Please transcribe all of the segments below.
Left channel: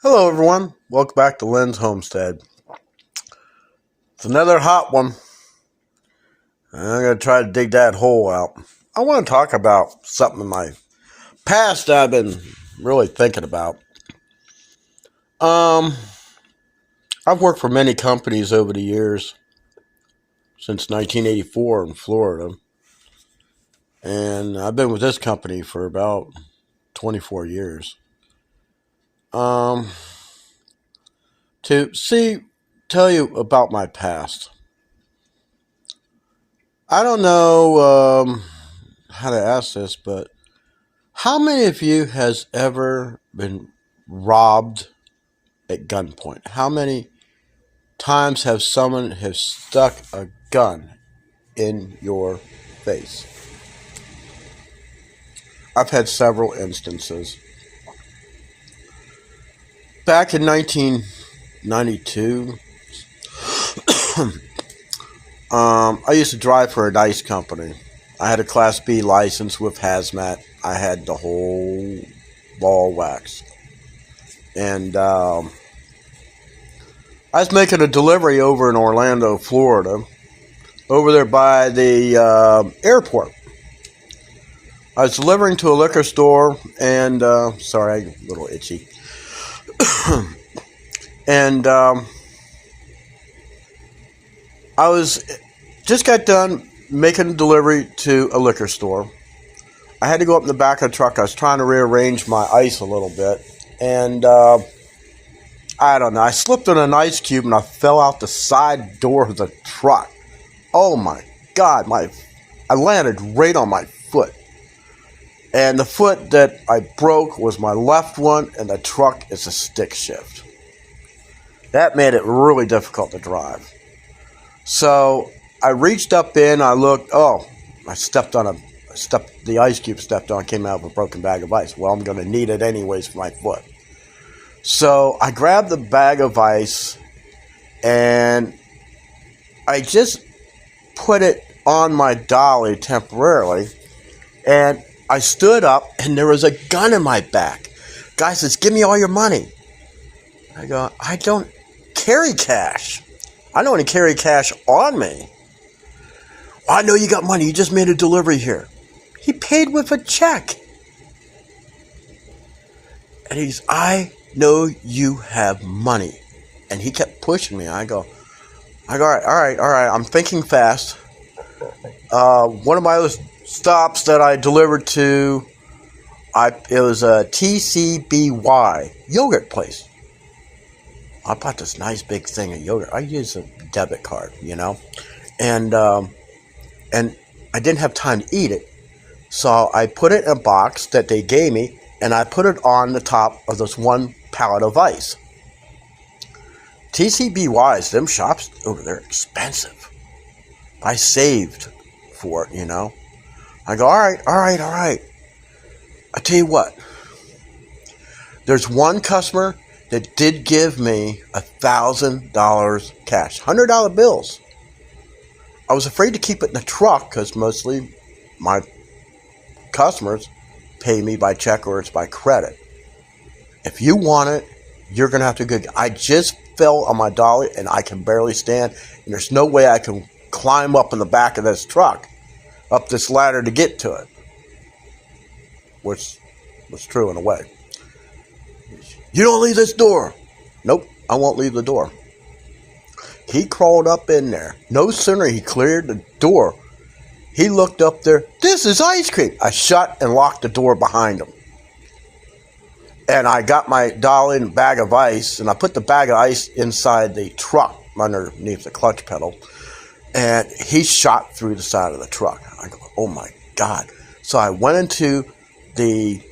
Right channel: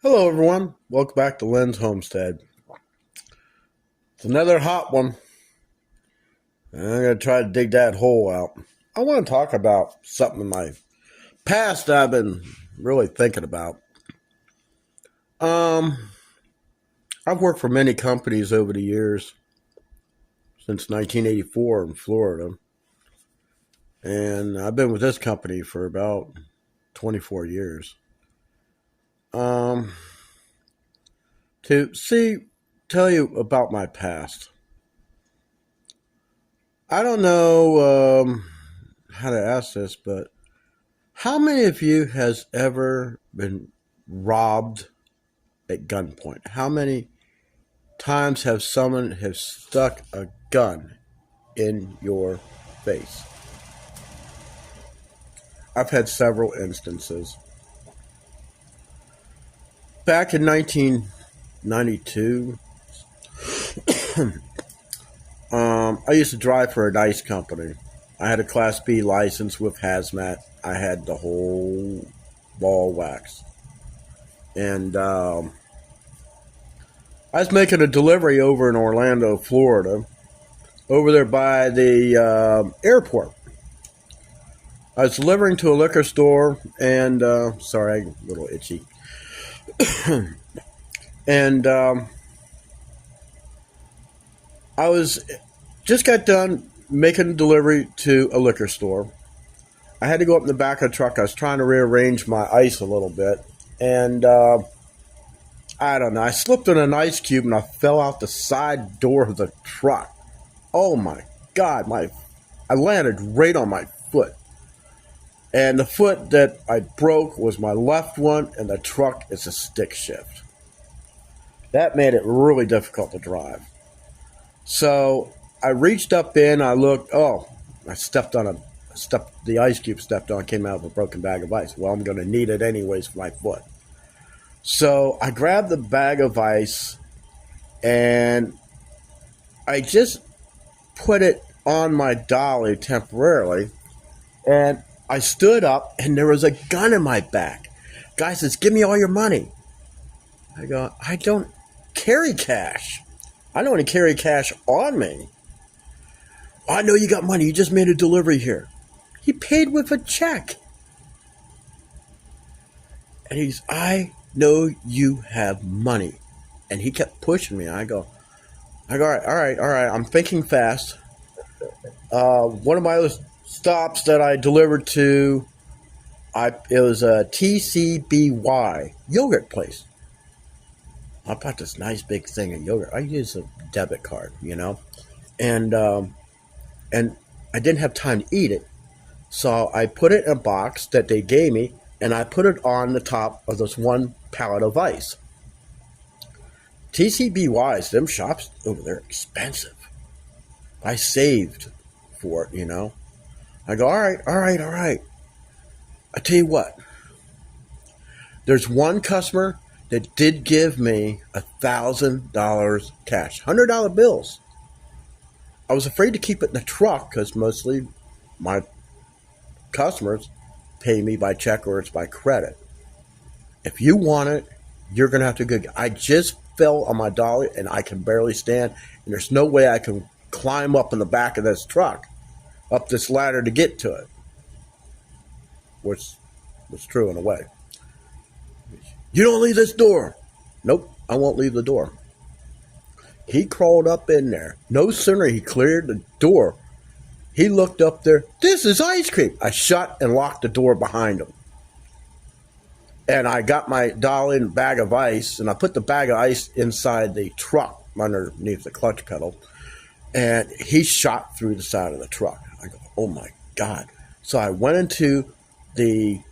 Hello, everyone. Welcome back to Lynn's Homestead. It's another hot one. I'm going to try to dig that hole out. I want to talk about something in my past that I've been really thinking about. I've worked for many companies over the years, since 1984 in Florida. And I've been with this company for about 24 years. To tell you about my past. I don't know how to ask this, but how many of you has ever been robbed at gunpoint? How many times have someone have stuck a gun in your face? I've had several instances. Back in 1992, I used to drive for a nice company. I had a Class B license with hazmat. I had the whole ball wax. And I was making a delivery over in Orlando, Florida, over there by the airport. I was delivering to a liquor store, and sorry, I'm a little itchy. And I just got done making a delivery to a liquor store. I had to go up in the back of the truck. I was trying to rearrange my ice a little bit, and I don't know. I slipped on an ice cube and I fell out the side door of the truck. Oh my God! I landed right on my foot. And the foot that I broke was my left one, and the truck is a stick shift. That made it really difficult to drive. So I reached up in, I looked, the ice cube stepped on, came out with a broken bag of ice. Well, I'm going to need it anyways for my foot. So I grabbed the bag of ice, and I just put it on my dolly temporarily, and I stood up, and there was a gun in my back. Guy says, "Give me all your money." I go, "I don't carry cash. I don't want to carry cash on me." "I know you got money. You just made a delivery here." He paid with a check. And he's, "I know you have money." And he kept pushing me. I go, all right. I'm thinking fast. One of my other stops that I delivered to, it was a TCBY yogurt place. I bought this nice big thing of yogurt. I used a debit card, and I didn't have time to eat it, so I put it in a box that they gave me, and I put it on the top of this one pallet of ice. TCBYs, them shops over there, expensive. I saved for it, I go, all right. I tell you what, there's one customer that did give me $1,000 cash, $100 bills. I was afraid to keep it in the truck because mostly my customers pay me by check or it's by credit. If you want it, you're going to have to go. I just fell on my dolly and I can barely stand, and there's no way I can climb up in the back of this truck, up this ladder to get to it. Which was true in a way. "You don't leave this door." "Nope, I won't leave the door." He crawled up in there. No sooner he cleared the door, he looked up there. "This is ice cream." I shut and locked the door behind him. And I got my dolly and bag of ice, and I put the bag of ice inside the truck underneath the clutch pedal. And he shot through the side of the truck. I go, oh my God. So I went into the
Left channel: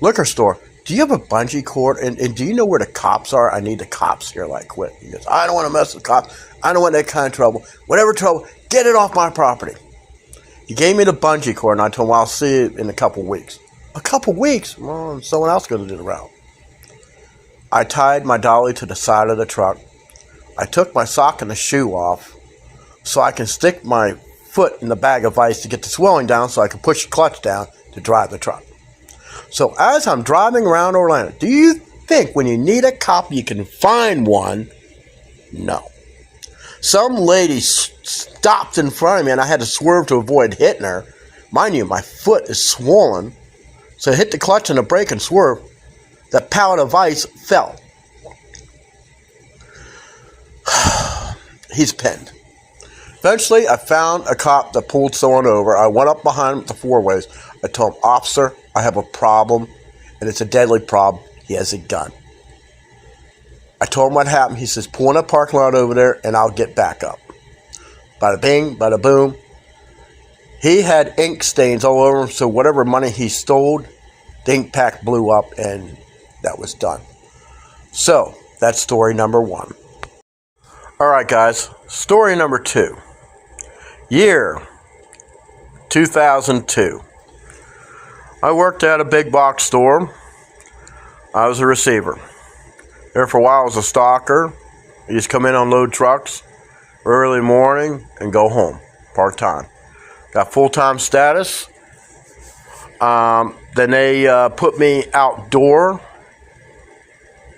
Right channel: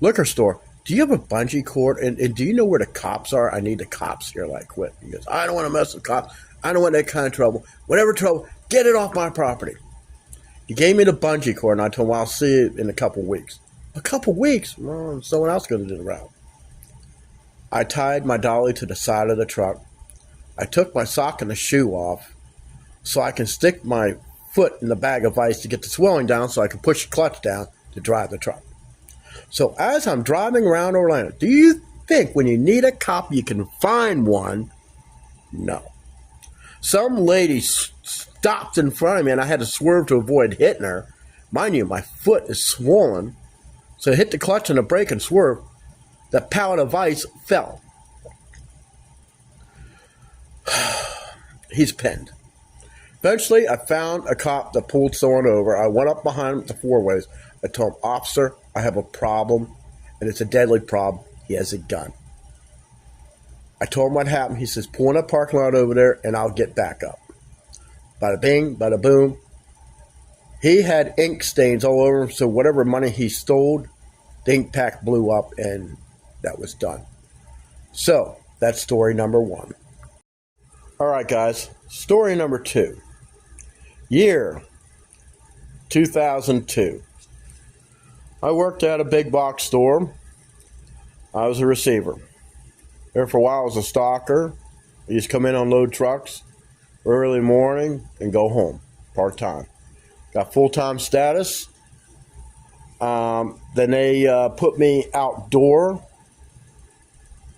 liquor store. "Do you have a bungee cord? And do you know where the cops are? I need the cops here like quick." He goes, "I don't want to mess with cops. I don't want that kind of trouble. Whatever trouble, get it off my property." He gave me the bungee cord, and I told him, "I'll see you in a couple weeks." A couple weeks? Well, someone else going to do the route. I tied my dolly to the side of the truck. I took my sock and the shoe off so I can stick my foot in the bag of ice to get the swelling down so I can push the clutch down to drive the truck. So as I'm driving around Orlando, do you think when you need a cop you can find one? No. Some lady stopped in front of me and I had to swerve to avoid hitting her. Mind you, my foot is swollen. So I hit the clutch and the brake and swerve. The pallet of ice fell. He's pinned. Eventually, I found a cop that pulled someone over. I went up behind him at the four-ways. I told him, "Officer, I have a problem, and it's a deadly problem. He has a gun." I told him what happened. He says, "Pull in a parking lot over there, and I'll get back up." Bada bing, bada boom. He had ink stains all over him, so whatever money he stole, the ink pack blew up, and that was done. So, that's story number 1. All right, guys. Story number 2. Year 2002. I worked at a big box store. I was a receiver. There for a while I was a stalker. I used to come in, unload trucks early morning and go home part-time. Got full-time status. Then they put me outdoor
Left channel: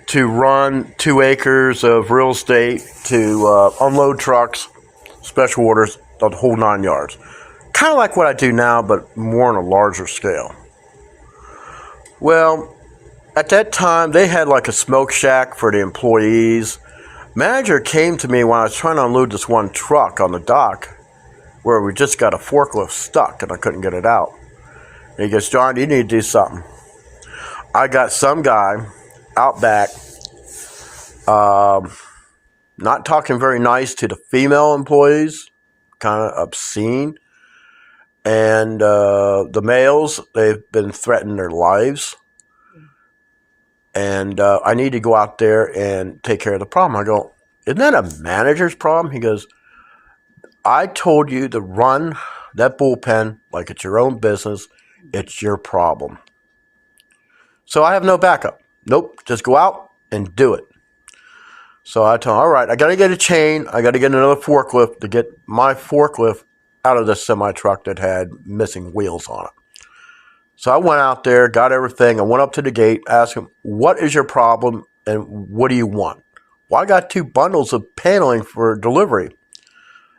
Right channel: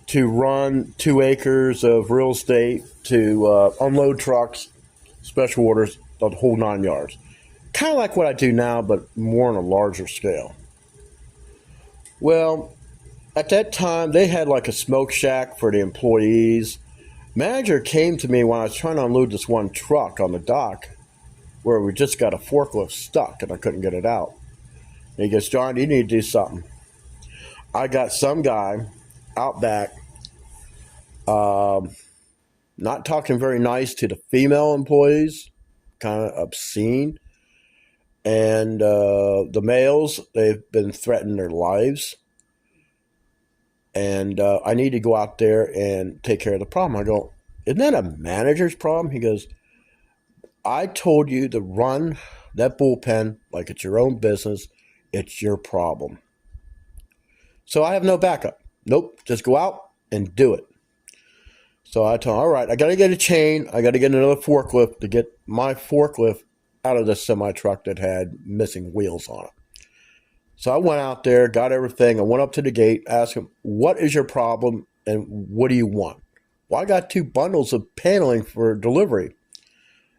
to run 2 acres of real estate, to unload trucks, special orders, the whole 9 yards. Kind of like what I do now, but more on a larger scale. Well, at that time, they had like a smoke shack for the employees. Manager came to me when I was trying to unload this one truck on the dock where we just got a forklift stuck and I couldn't get it out. And he goes, "John, you need to do something." I got some guy out back, not talking very nice to the female employees, kind of obscene. And the males, they've been threatening their lives. And I need to go out there and take care of the problem. I go, "Isn't that a manager's problem?" He goes, "I told you to run that bullpen like it's your own business. It's your problem." So I have no backup. Nope, just go out and do it. So I told him, "All right, I got to get a chain. I got to get another forklift to get my forklift out of the semi-truck that had missing wheels on it." So I went out there, got everything. I went up to the gate, asked him, "What is your problem and what do you want?" "Well, I got 2 bundles of paneling for delivery."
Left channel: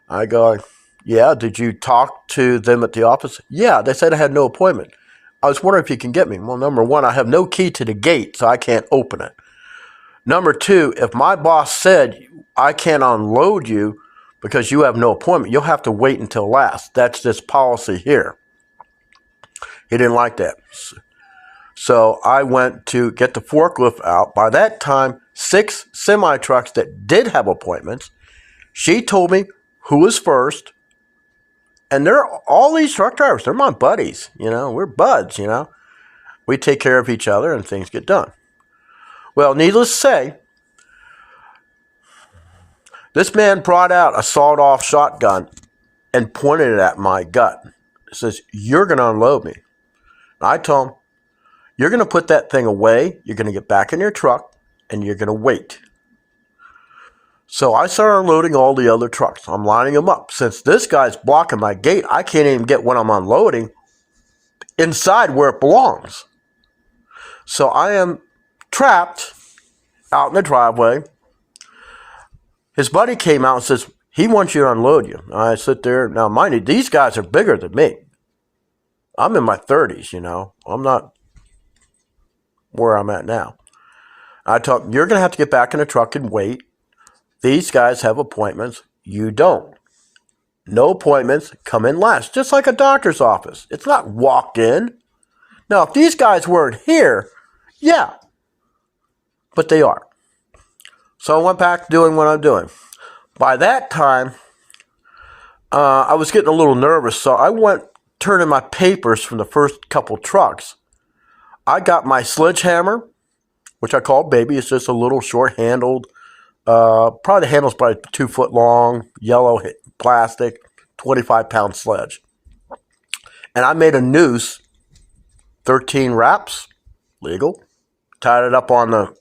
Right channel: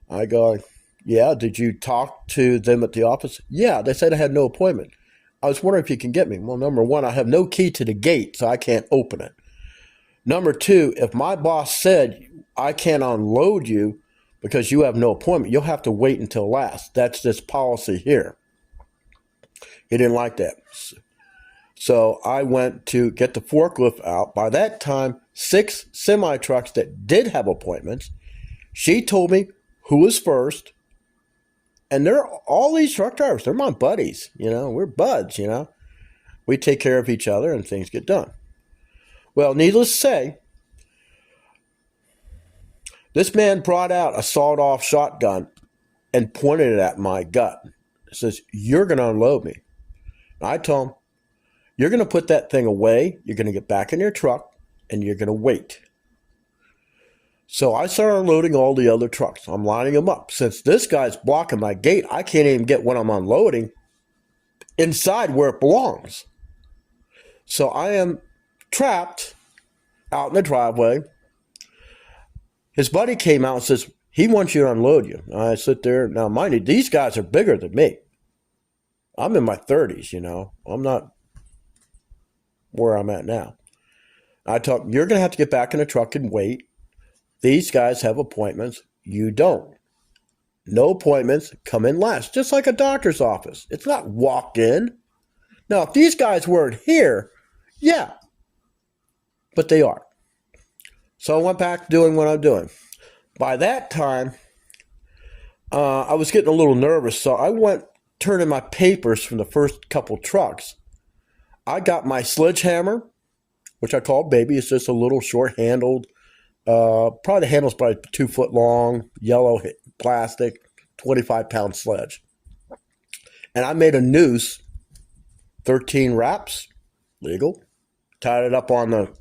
I go, "Yeah, did you talk to them at the office?" "Yeah, they said I had no appointment. I was wondering if you can get me." "Well, number 1, I have no key to the gate, so I can't open it. Number 2, if my boss said I can't unload you because you have no appointment, you'll have to wait until last. That's this policy here." He didn't like that. So I went to get the forklift out. By that time, 6 semi-trucks that did have appointments. She told me who was first. And they're all these truck drivers. They're my buddies. We're buds, We take care of each other and things get done. Well, needless to say, this man brought out a sawed-off shotgun and pointed it at my gut. He says, "You're going to unload me." I told him, "You're going to put that thing away, you're going to get back in your truck, and you're going to wait." So I started unloading all the other trucks. I'm lining them up. Since this guy's blocking my gate, I can't even get what I'm unloading inside where it belongs. So I am trapped out in the driveway. His buddy came out and says, he wants you to unload you. I sit there. Now, mind you, these guys are bigger than me. I'm in my 30s, I'm not where I'm at now. I told him, "You're going to have to get back in the truck and wait. These guys have appointments. You don't. No appointments, come in last." Just like a doctor's office. It's not walked in. Now, if these guys weren't here, yeah. But they are. So I went back to doing what I'm doing. By that time, I was getting a little nervous, so I went turning my papers from the first couple trucks. I got my sledgehammer, which I call Baby. It's just a little short-handled, probably the handle's probably 2 foot long, yellow plastic, 25-pound sledge. And I made a noose, 13 wraps, legal, tied it up on the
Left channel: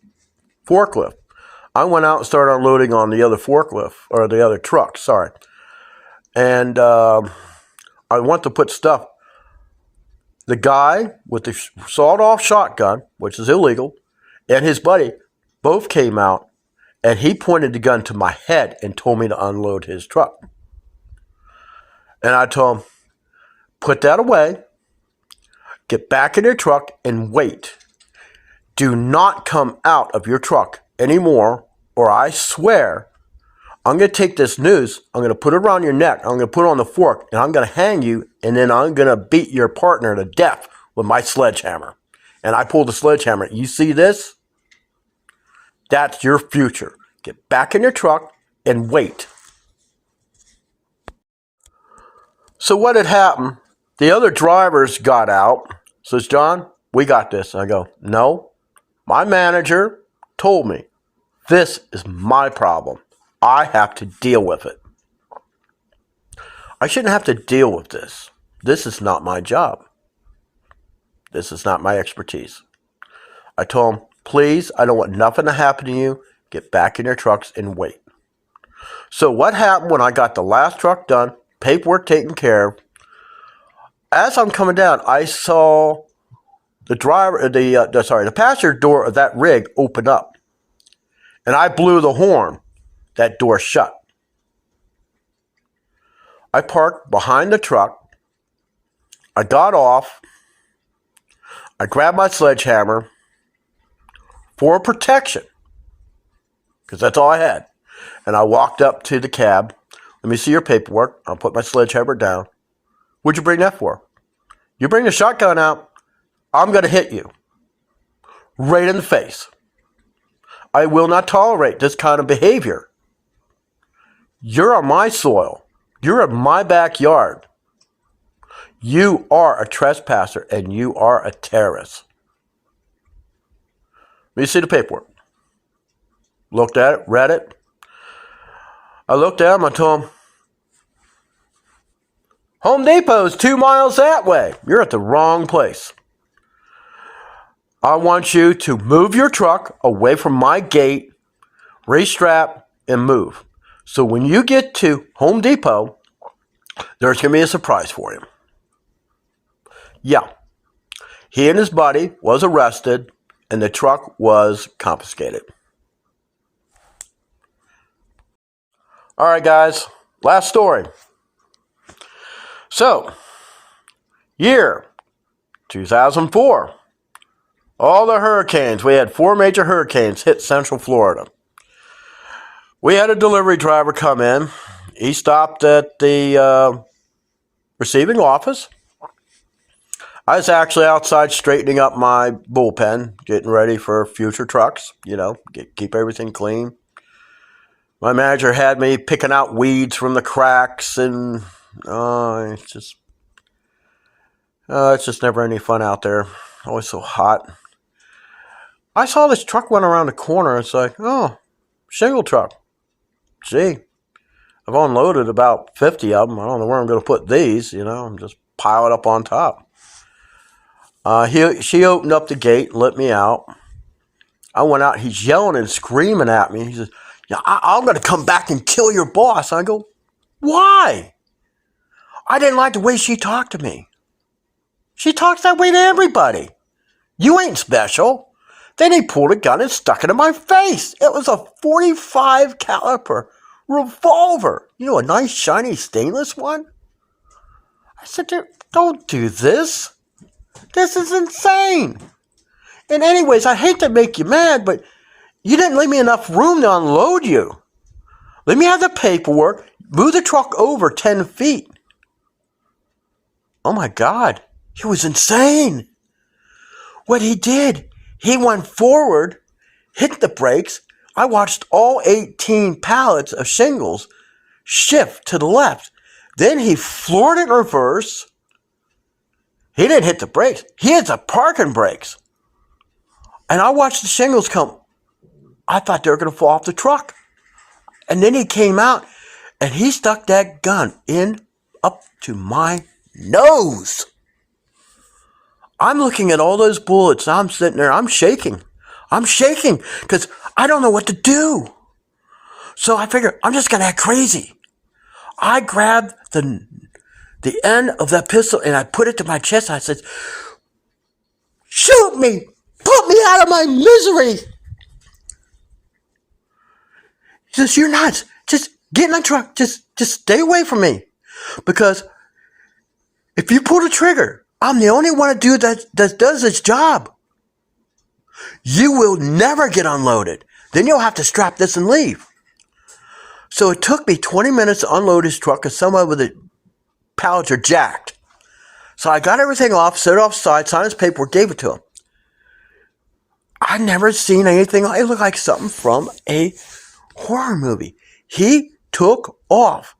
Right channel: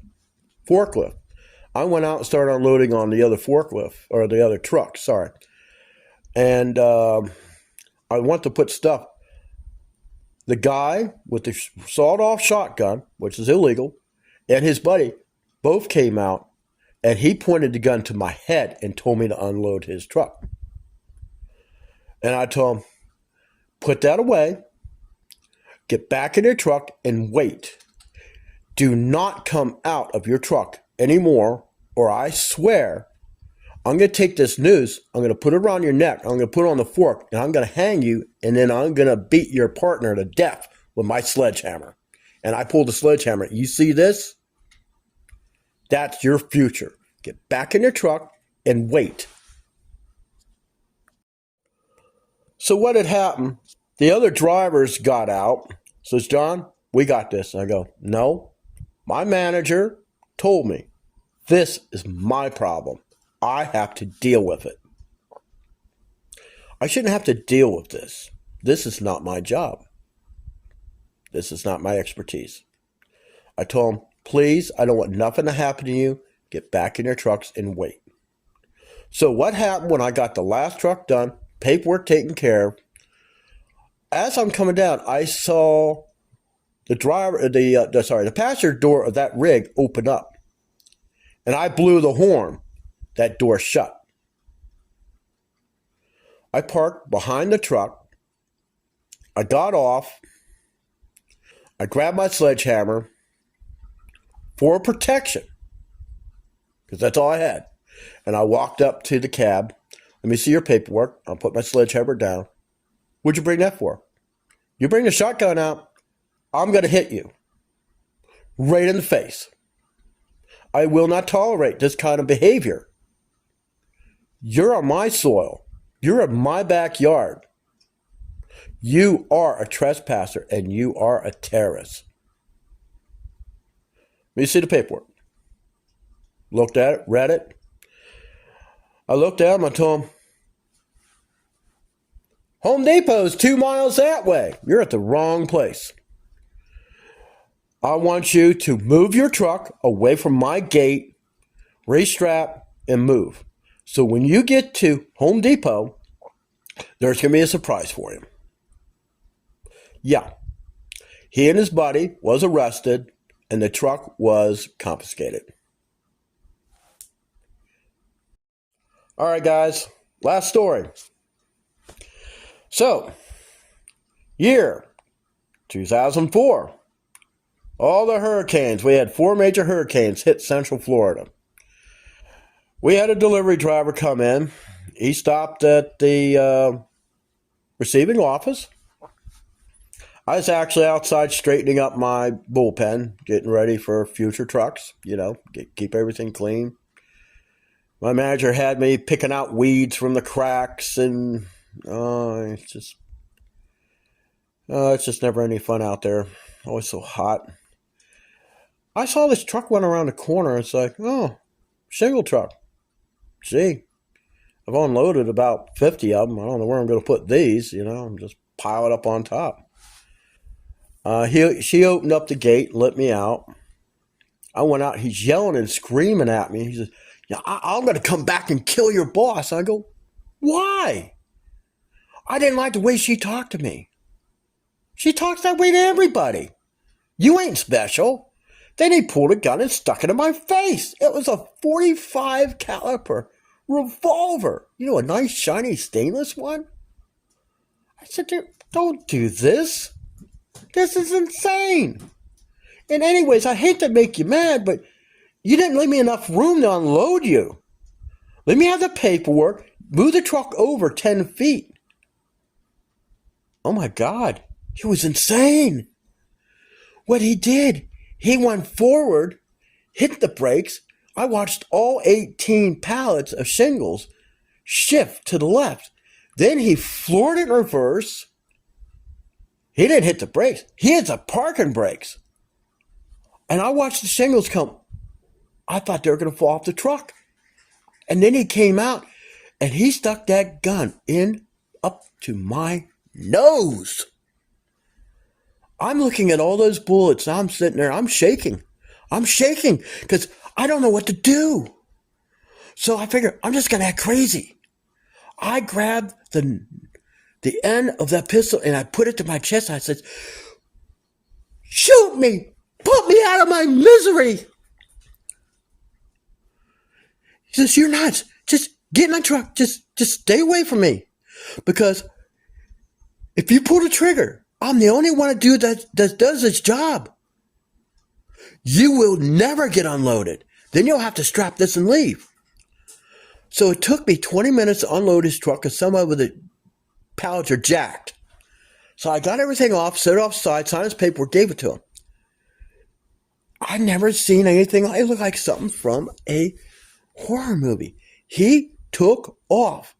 forklift. I went out and started unloading on the other forklift, or the other truck, sorry. And I went to put stuff. The guy with the sawed-off shotgun, which is illegal, and his buddy both came out, and he pointed the gun to my head and told me to unload his truck. And I told him, put that away, get back in your truck, and wait. Do not come out of your truck anymore, or I swear I'm going to take this noose, I'm going to put it around your neck, I'm going to put it on the fork, and I'm going to hang you, and then I'm going to beat your partner to death with my sledgehammer. And I pulled the sledgehammer. You see this? That's your future. Get back in your truck and wait. So what had happened, the other drivers got out, says, John, we got this. I go, no, my manager told me this is my problem. I have to deal with it. I shouldn't have to deal with this. This is not my job. This is not my expertise. I told him, please, I don't want nothing to happen to you. Get back in your trucks and wait. So what happened when I got the last truck done, paperwork taken care of, as I'm coming down, I saw the passenger door of that rig open up. And I blew the horn. That door shut. I parked behind the truck. I got off. I grabbed my sledgehammer for protection, because that's all I had. And I walked up to the cab. Let me see your paperwork. I'll put my sledgehammer down. What'd you bring that for? You bring the shotgun out, I'm going to hit you. Right in the face. I will not tolerate this kind of behavior. You're on my soil. You're in my backyard. You are a trespasser and you are a terrorist. Let me see the paperwork. Looked at it, read it. I looked at him, I told him, Home Depot's 2 miles that way. You're at the wrong place. I want you to move your truck away from my gate, restrap, and move. So when you get to Home Depot, there's going to be a surprise for you. Yeah, he and his buddy was arrested, and the truck was confiscated. All right, guys, last story. So, year 2004, all the hurricanes, we had 4 major hurricanes hit Central Florida. We had a delivery driver come in. He stopped at the receiving office. I was actually outside straightening up my bullpen, getting ready for future trucks, keep everything clean. My manager had me picking out weeds from the cracks, and it's just never any fun out there. Always so hot. I saw this truck went around the corner. It's like, oh, shingle truck. Gee, I've unloaded about 50 of them. I don't know where I'm going to put these, I'm just pile it up on top. She opened up the gate and let me out. I went out. He's yelling and screaming at me. He says, yeah, I'm going to come back and kill your boss. I go, why? I didn't like the way she talked to me. She talks that way to everybody. You ain't special. Then he pulled a gun and stuck it in my face. It was a .45 caliber revolver. A nice shiny stainless one. I said, don't do this. This is insane. And anyways, I hate to make you mad, but you didn't leave me enough room to unload you. Let me have the paperwork. Move the truck over 10 feet. Oh my God. He was insane. What he did, he went forward, hit the brakes. I watched all 18 pallets of shingles shift to the left. Then he floored it in reverse. He didn't hit the brakes. He hit the parking brakes. And I watched the shingles come. I thought they were going to fall off the truck. And then he came out and he stuck that gun in up to my nose. I'm looking at all those bullets. I'm sitting there. I'm shaking. I'm shaking because I don't know what to do. So I figured I'm just going to act crazy. I grabbed the the end of that pistol, and I put it to my chest. I said, shoot me! Put me out of my misery! He says, you're nuts. Just get in the truck. Just stay away from me. Because if you pull the trigger, I'm the only one that does this job. You will never get unloaded. Then you'll have to strap this and leave. So it took me 20 minutes to unload his truck because some of the pallets are jacked. So I got everything off, set it offside, signed his paperwork, gave it to him. I've never seen anything. It looked like something from a horror movie. He took off.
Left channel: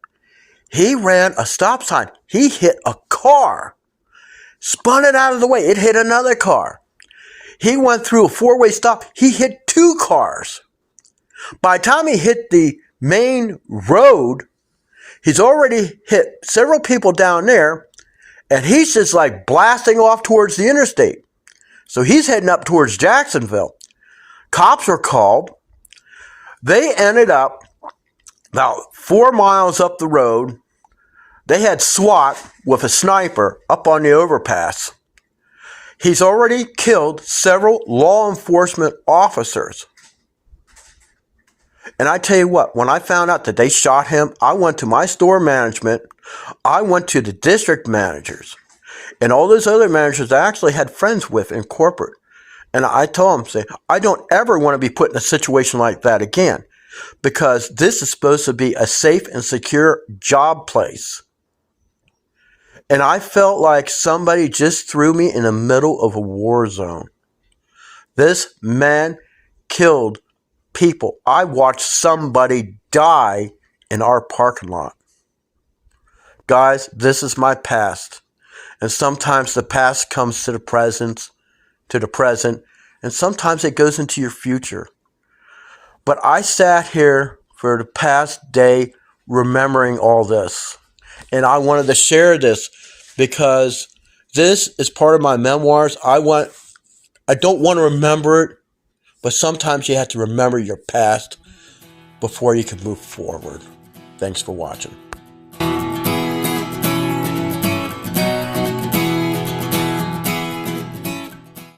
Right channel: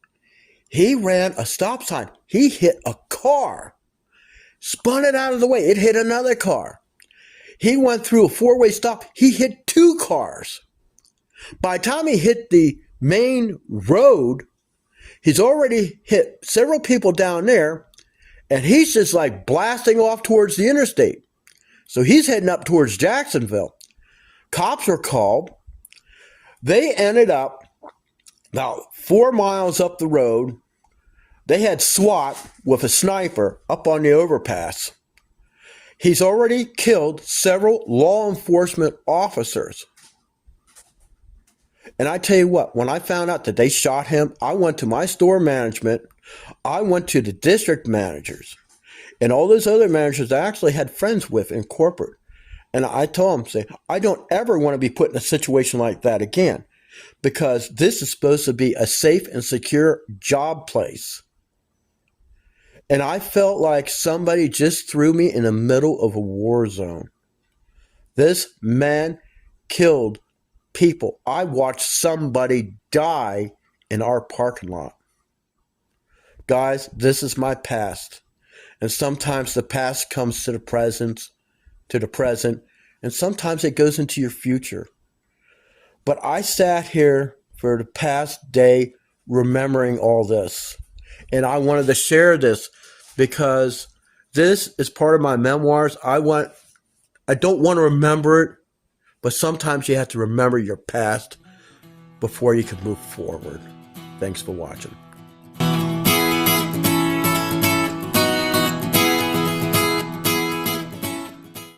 He ran a stop sign. He hit a car. Spun it out of the way. It hit another car. He went through a four-way stop. He hit 2 cars. By the time he hit the main road, he's already hit several people down there, and he's just like blasting off towards the interstate. So he's heading up towards Jacksonville. Cops were called. They ended up about 4 miles up the road. They had SWAT with a sniper up on the overpass. He's already killed several law enforcement officers. And I tell you what, when I found out that they shot him, I went to my store management. I went to the district managers and all those other managers I actually had friends with in corporate. And I told them, say, I don't ever want to be put in a situation like that again, because this is supposed to be a safe and secure job place. And I felt like somebody just threw me in the middle of a war zone. This man killed people. I watched somebody die in our parking lot. Guys, this is my past. And sometimes the past comes to the present, and sometimes it goes into your future. But I sat here for the past day remembering all this. And I wanted to share this because this is part of my memoirs. I don't want to remember it, but sometimes you have to remember your past before you can move forward. Thanks for watching.